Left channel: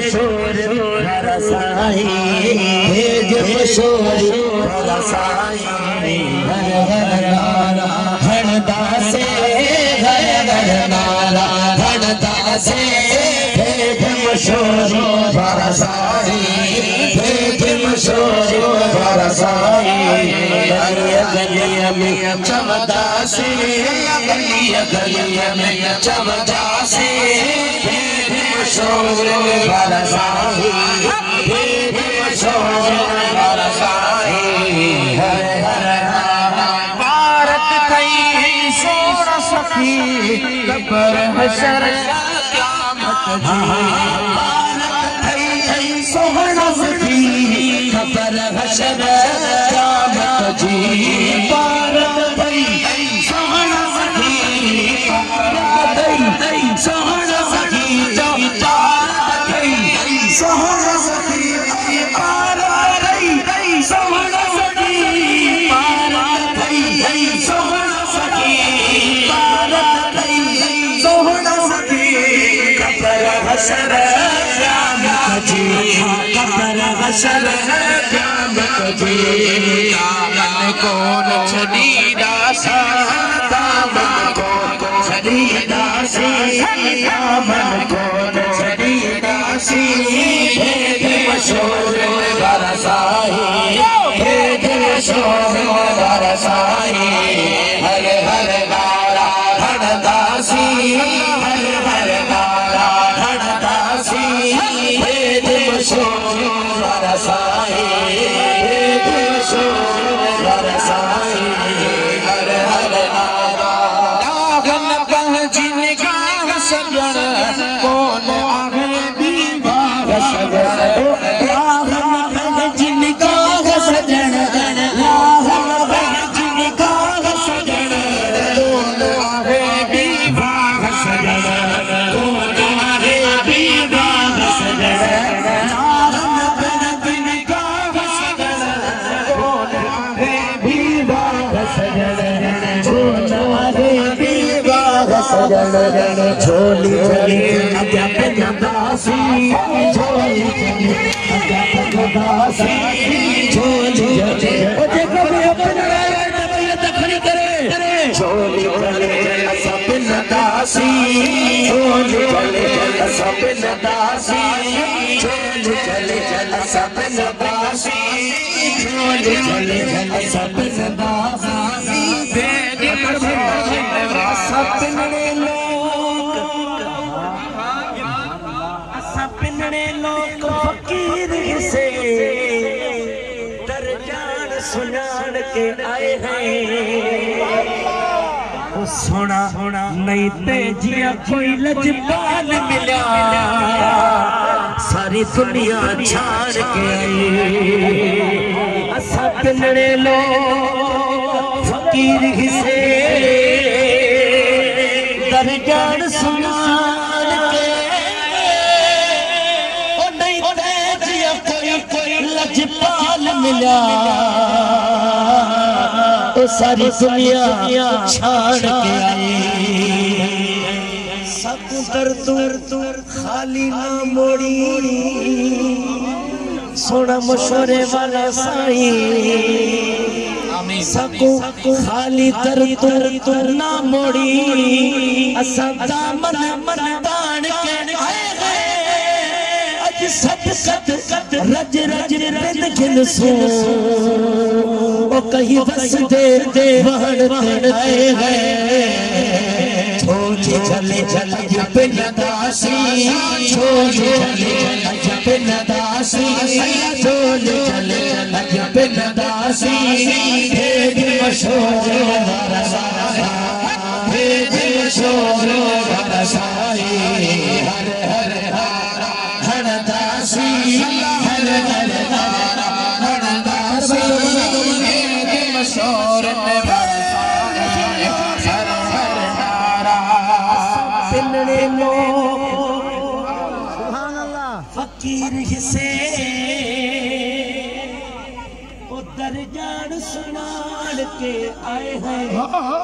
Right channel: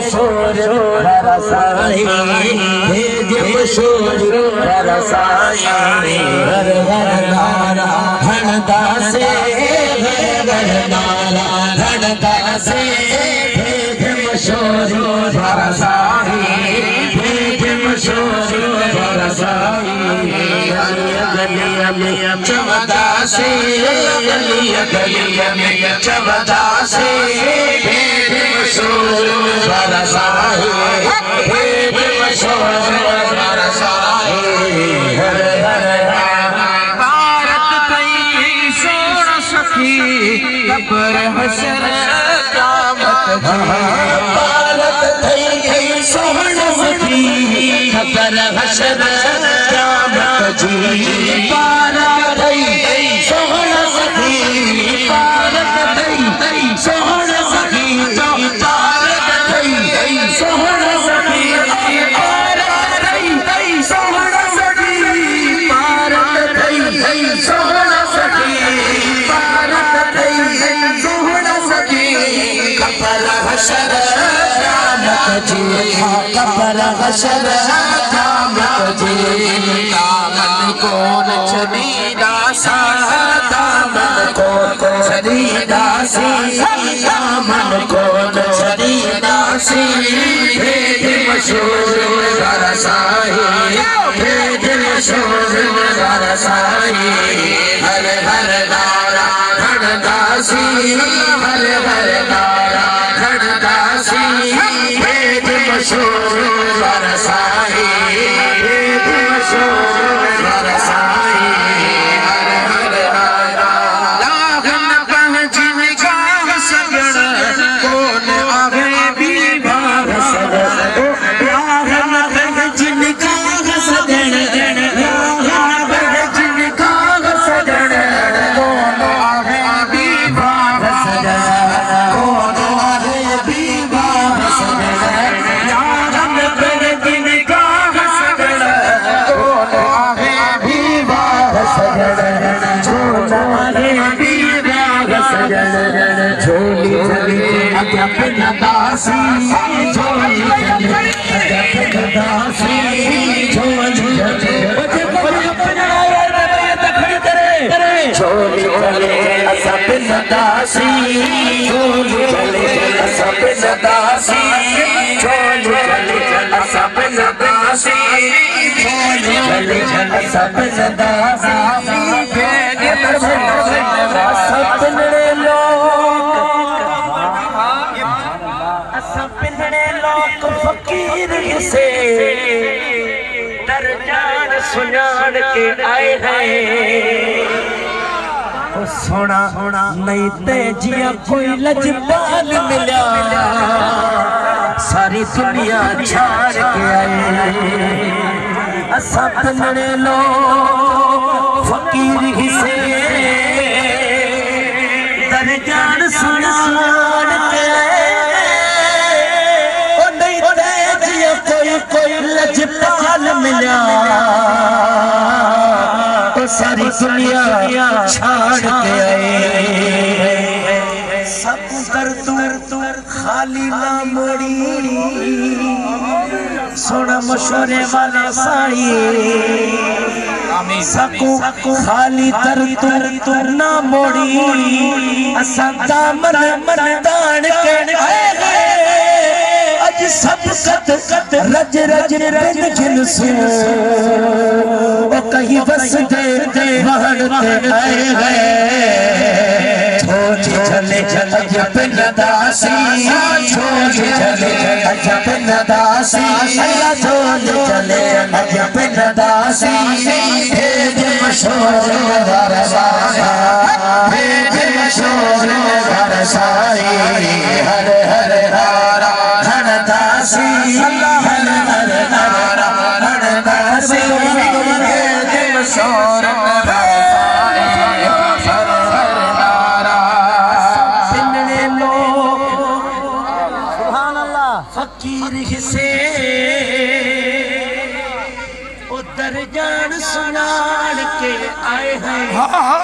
मशहूर बरसाई भेज मशहूर बरसाई हर हर नारा धनदा से हर हर नारा धनदा से भेज मशहूर बरसाई भेज मशहूर बरसाई गलिया में चमदा से गलिया में चमदा से भेज मशहूर बरसाई भेज मशहूर बरसाई हर हर भारत कई सोना सखी कबर हशर क़यामत भारत कई सोना सखी कबर हशर क़यामत जी भारत कई सोना सखी भारत कई सोना सखी भारत कई सोना सखी भारत कई सोना सखी भारत कई सोना सखी भारत कई सोना सखी कबर हशर क़यामत जी कबर हशर क़यामत जी दामन को छड़ीदा सा दामन को छड़ीदा सी दामन को छड़ीदा सी भेज मशहूर बरसाई भेज मशहूर बरसाई हर हर नारा धनदा सी हर हर नारा धनदा सी भेज मशहूर बरसाई भेज मशहूर बरसाई हर हर नारा लागन पंहिंजी निगाह सजण कोन आवे बीबाह सजण लागन पंहिंजी निगाह सजण लागन पंहिंजी निगाह सजण कोन आवे बीबाह सजण कोन आवे बीबाह सजण लागन पंहिंजी निगाह सजण कोन आवे बीबाह सजण कोन आवे बीबाह सजण झोली चली अॻियां पिनदासी झोली चली अॻियां पिनदासी झोली चली झोली चली असां पिनदासी झोली चली असां पिनदासी झोली चली असां पिनदासी झोली चली असां पिनदासी पिनड़े लोक फकीर से दरजान सुनान के आए हैं सोना नहीं ते जिया कोई लजपाल मिला सारी दुनिया छाड़ के आए असा पिनड़े लोक फकीर से दरजान सुनान के कोई लजपाल मिला तो सारी दुनिया छाड़ के आए सब कर तू खाली ना मोड़ी सोना मशोरे वाला साई सकू खाली कर तू ना मोड़ी असा दामन दान के सब कत रज रज बिन जिन सुन वो कहीं बस दे वहन आए हैं छोटी चले चले बिन दासी छोटी चले बिन दासी अल्लाह छोटी चले बिन दासी भेज मशहूर बरसाई भेज मशहूर बरसाई हर हर नारा धनदासी हर हर नारा धनदासी भेज मशहूर बरसाई हर हर नारा पिनड़े लोग सुभान अल्लाह फकीर से दरजान सुनान के आए हैं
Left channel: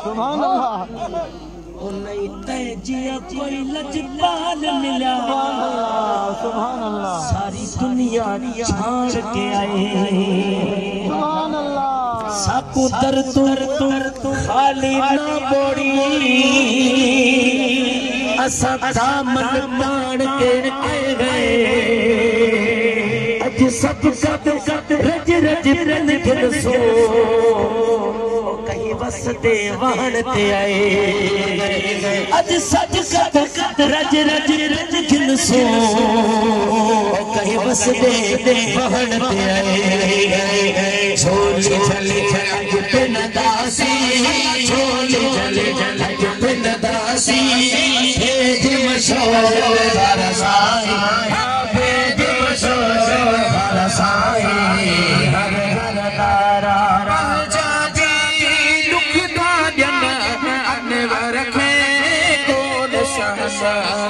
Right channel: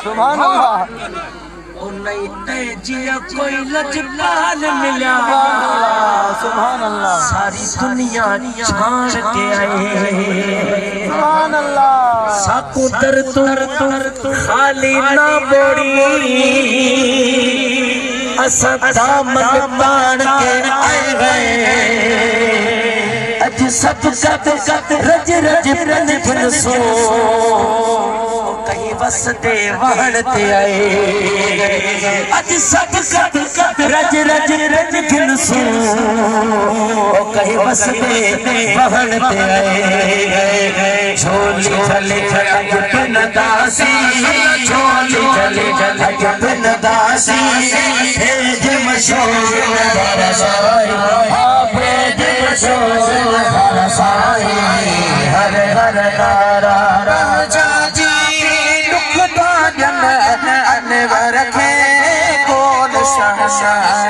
सुभान अल्लाह नहीं ते जिया कोई लजपाल मिला सुभान अल्लाह दुनिया छाड़ के आए साकू दर तू खाली ना बोड़ी असा दामन बाण के आए गए अज सब रज रज रज जन सो कहीं वसदे वहण ते आए अज सब रज रज रज जन सो कहीं वसदे वहण ते आए झोली चले अज पिन दासी झोली चले अज पिन दासी भेज मशोर बरसाए भेज मशोर बरसाए हर घर तारा राजा जी दुख दान अनवर में बोल शहनाई